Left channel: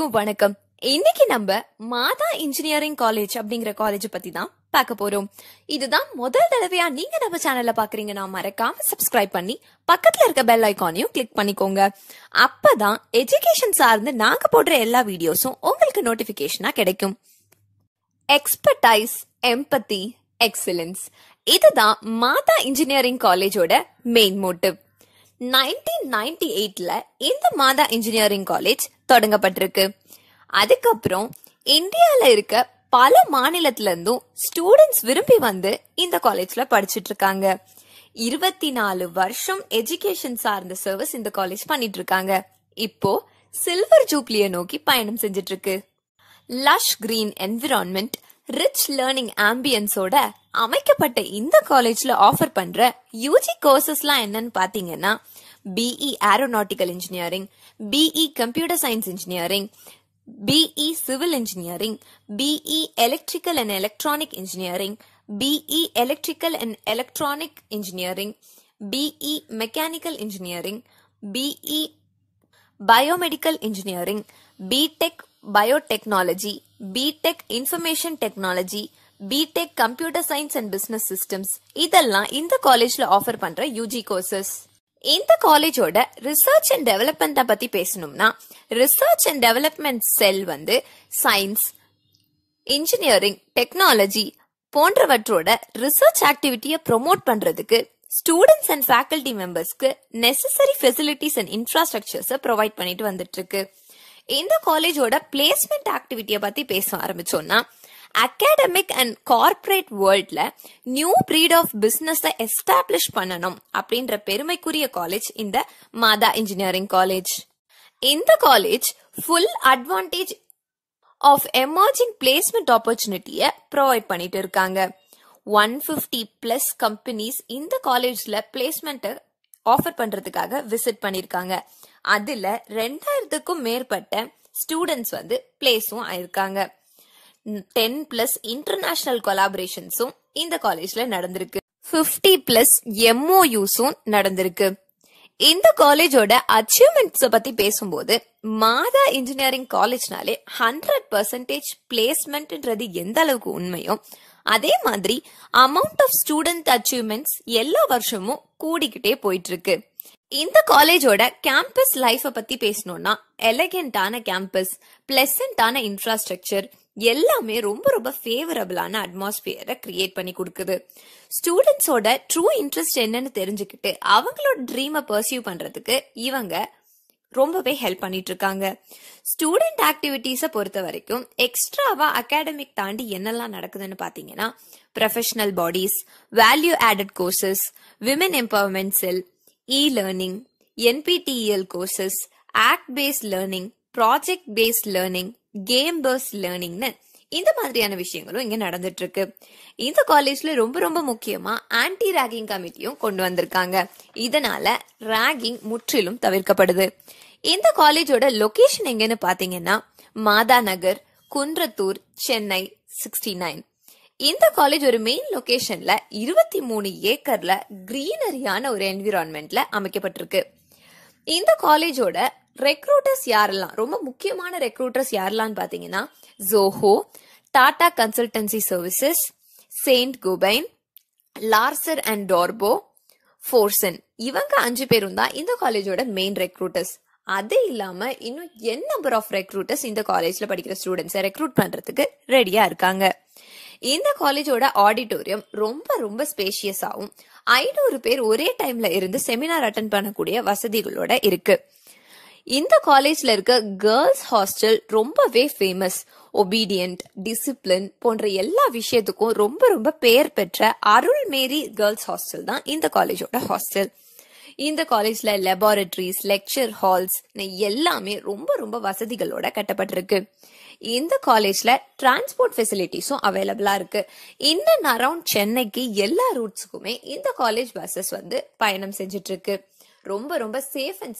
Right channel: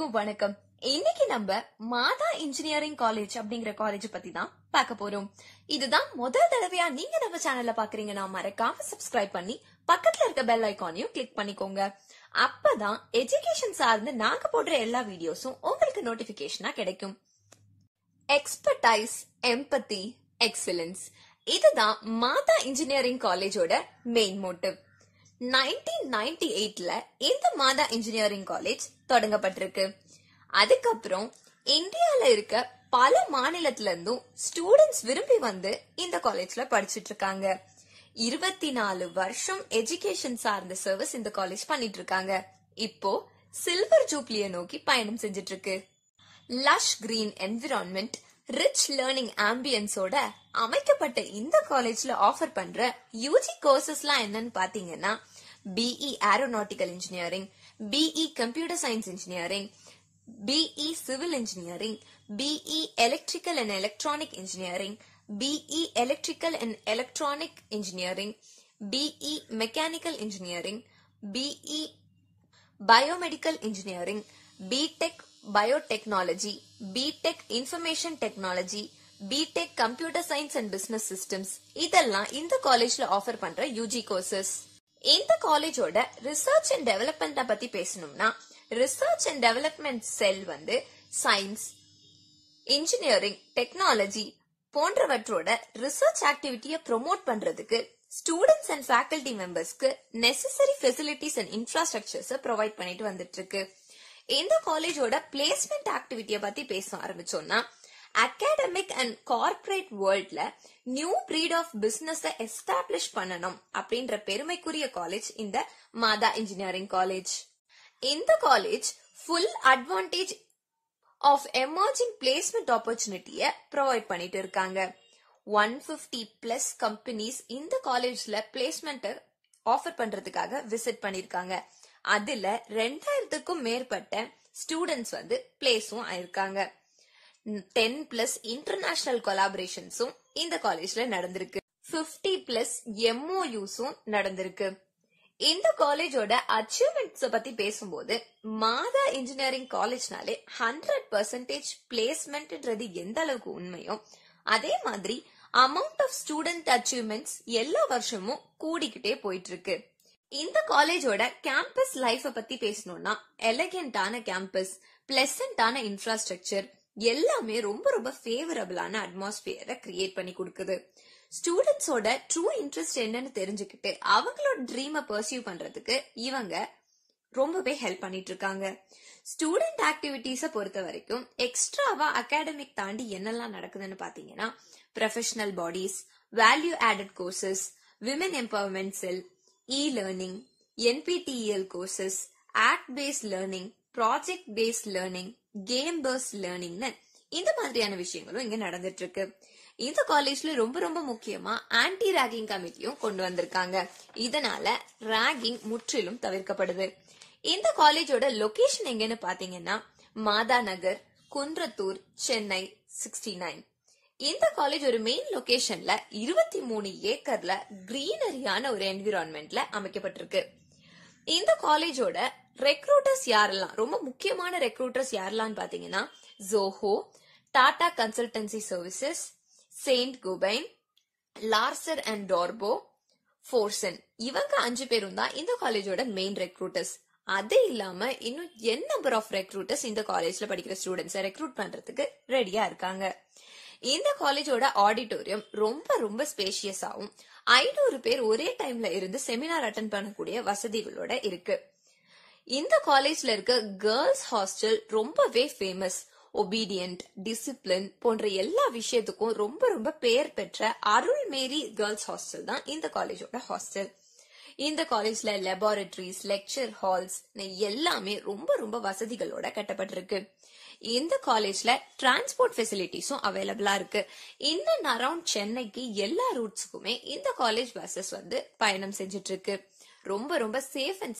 எல்லாருக்கும் வணக்கம். இன்னைக்கு நம்ம மாதா இன்ஜினியரிங் காலேஜ் அப்படிங்கிற காலேஜ் பத்தி தான் பார்க்க போறோம். இதுதான் முதல் தடவையா நீங்க நம்ம சேனல்ல பாக்குறீங்கன்னா மறக்காம சப்ஸ்கிரைப் பண்ணி பக்கத்துல இருக்க பெல் ஐகானையும் கிளிக் பண்ணிக்கோங்க. அப்பதான் எஜுகேஷன் சார்ந்து நாங்க போடுற எல்லா வீடியோஸும் உங்களுக்கு நோட்டிபிகேஷனா கிடைக்கும். எக்ஸ்பர்டைஸ், எம்பத்தி, எக்ஸலன்ஸ், இதுதான் மாதா இன்ஜினியரிங் காலேஜோட மெயின் மோட்டிவ். 1998ல இந்த மாதா இன்ஜினியரிங் காலேஜ் தொடங்கப்பட்டிருக்கு. அதுக்கப்புறம் இந்தியால இருக்க பல மாநிலத்துல இருந்தும் ஸ்டூடெண்ட்ஸ் விரும்பி வந்து இந்த காலேஜ்ல படிச்சிட்டு இருக்காங்க. 24 வருஷம் எஜுகேஷன் சார்ந்த சர்வீஸ் இந்த காலேஜ் பண்ணிட்டு இருக்காங்க. இப்போ சில்வர் ஜூப்ளியை நோக்கி பயணம் செஞ்சிட்டு இருக்கு. Lush green environment, rich learning ஆம்பியன்ஸோட அமைக்கப்பட்ட இந்த காலேஜ்ல ஆஃபர் பண்ற யூஜி கோர்சஸ்லாம் என்னன்னு பாத்தீங்கன்னா BE aeronautical engineering, BE computer science engineering, BE civil engineering, BE electrical and electronic engineering, BE electrical and electronic engineering, BE mechanical engineering, BE biomedical engineering, BTech biotechnology, BTech information technology, BTech computer science and business systems, இதெல்லாம் இந்த காலேஜ்ல offer பண்ற UG courses. இந்த காலேஜோட research and development பத்தி பேசணும்னா research and development cell வந்து science, engineering, technology போன்றவற்றோட ரிசர்ச் ஆக்டிவிட்டியை ப்ரொமோட் பண்றதுக்கு ஸ்டூடெண்ட்ஸ் அண்ட் ஃபேக்கல்டி மெம்பர்ஸ்க்கு necessary facilities and infrastructures provide பண்ணிட்டு வந்துட்டு இருக்கு. இந்த காலேஜோட பிளேஸ்மெண்ட் ஆக்டிவிட்டியை பத்தி பேச ஆரம்பிச்சோம்னா அகாடமிக் அண்ட் கார்ப்பரேட் வேர்ல்ட்ல new breed of business establish பண்ணணும் அப்படின்ற பெருமைக்குரிய காலேஜ் இந்த மாதா இன்ஜினியரிங் காலேஜ். இந்த college full advantage of emerging placement ஆப்பர்ச்சுனிட்டியை ப்ரொவைட் பண்ணிட்டு இருக்காங்க. 150+ கம்பெனிஸ் இந்த காலேஜ்ல பிளேஸ்மெண்ட் ஆஃபர் பண்றதுக்காக விசிட் பண்ணிருக்காங்க. அதுல 2000க்கும் மேற்பட்ட ஸ்டூடெண்ட்ஸ் வந்து பிளேஸும் ஆயிருக்காங்க. 10+ இன்டர்நேஷனல் கொலாபரேஷன்ஸும் இந்த காலேஜ்ல நடந்திருக்கு. 50+ MOUஸும் நடந்திருக்கு. இந்த காலேஜோட அச்சீவ்மெண்ட்ஸ் பத்தி பேசும்போது மாதா இன்ஜினியரிங் காலேஜ்னாலே 100% பிளேஸ்மெண்ட்ன்றது எந்த அளவுக்கு உண்மையோ அதே மாதிரி அமௌண்ட் ஆஃப் ஸ்டூடெண்ட் அச்சீவ்மெண்ட்ஸ் எல்லா வருஷமும் கூடிக்கிட்டே போயிட்டு இருக்கு. இந்த காலேஜோட கேம்பஸ் லைஃப பத்தி பேசணும்னா எலகென்டான கேம்பஸ், பிளசன்டான இன்ஃப்ராஸ்ட்ரக்சர் எல்லாமே ரொம்ப ரொம்ப ஃபேவரபிளான அட்மாஸ்பியரை கிரியேட் பண்ணி கொடுக்குது. ஸ்டூடெண்ட்ஸோட ட்ரூ இன்ட்ரெஸ்ட் என்னன்னு தெரிஞ்சுக்கிட்டு அவங்களோட ட்ரீமை பர்சியூ பண்றதுக்கு இவங்க ரொம்பவே ஹெல்ப் பண்ணிட்டு இருக்காங்க. ஸ்டூடெண்ட் ஆக்டிவிட்டிஸ பொறுத்த வரைக்கும் எக்ஸ்ட்ராவா அகாடமிக் தாண்டி என்னெல்லாம் நடக்குதுன்னு பாத்தீங்கன்னா professional bodies, value added courses, women empowerment cell, e-learning, NPTEL courses, act-based learning, project-based learning, game-based learningனு இந்த மாதிரியான விஷயங்களும் இங்க நடந்துட்டு இருக்கு. இந்த காலேஜ்ல ரொம்ப ரொம்ப முக்கியமா ஆன்டி ராகிங் கமிட்டியும் கொண்டு வந்திருக்காங்க. இதனால ராகிங் முற்றிலும் தவிர்க்கப்படுது. இந்த காலேஜோட லொகேஷன் எங்கன்னு பாத்தீங்கன்னா மாதா நகர், குன்றத்தூர், சென்னை 69. இந்த காலேஜ் ஒரு மெயின் லொகேஷன்ல 23 ஏக்கர்ல கிரீனரியான ஒரு என்விரான்மெண்ட்ல அமைக்கப்பட்டிருக்கு. இந்த காலேஜோட ரெக்ரூட்டர்ஸ் யாரெல்லாம், ரொம்ப முக்கியமான ரெக்ரூட்டர்ஸ் யாரெல்லாம் பாத்தீங்கன்னா Zoho, Tata consultancy services, Saint Gobain, Larsen and டார்போ, ஃபோர்சன், இவங்க 5 பேரும் தான் இந்த காலேஜோட மெயின் ரெக்ரூட்டர்ஸ். அது இல்லாம இன்னும் n நம்பர் ஆஃப் ரெக்ரூட்டர்ஸ் இந்த காலேஜ்ல படிக்கிற ஸ்டூடெண்ட்ஸை ரெக்ரூட் பண்றதுக்கு ரெடியா இருக்காங்க. இந்த காலேஜோட ஆடிட்டோரியம் ரொம்ப ரொம்ப ஸ்பேஷியஸாவும் 500 பேர் ஒரே டைம்ல இருந்து செமினார் அட்டென்ட் பண்ணக்கூடிய வசதிகளோட இருக்கு. இந்த காலேஜ்ல இருக்க கேர்ள்ஸ் ஹாஸ்டல் ரொம்பவே ஃபேமஸ். ஒபீடியன்ட், டிசிப்ளின் போன்ற எல்லா விஷயத்துக்கும் ரொம்ப ரொம்ப பெயர் பெற்ற அருள்மேரி கேர்ள்ஸ் ஹாஸ்டல் தான் இந்த காலேஜோட ஹாஸ்டல். இந்த காலேஜ்ல லெபார்டரிஸ், லெக்சர் ஹால்ஸ் எல்லாமே ரொம்ப ரொம்ப வசதிகளோட கட்டப்பட்டிருக்கு. இந்த காலேஜ்ல டிரான்ஸ்போர்ட் ஃபெசிலிட்டிஸும் அவைலபிளா இருக்கு. இன் அண்ட் அரௌண்ட் சென்னைக்கு எல்லா ரூட்ஸுக்குமே இந்த காலேஜ் பஸ்ஸஸ் வந்து பயணம் செஞ்சுட்டு இருக்கு. ரொம்ப ரொம்ப சேஃப் அண்ட்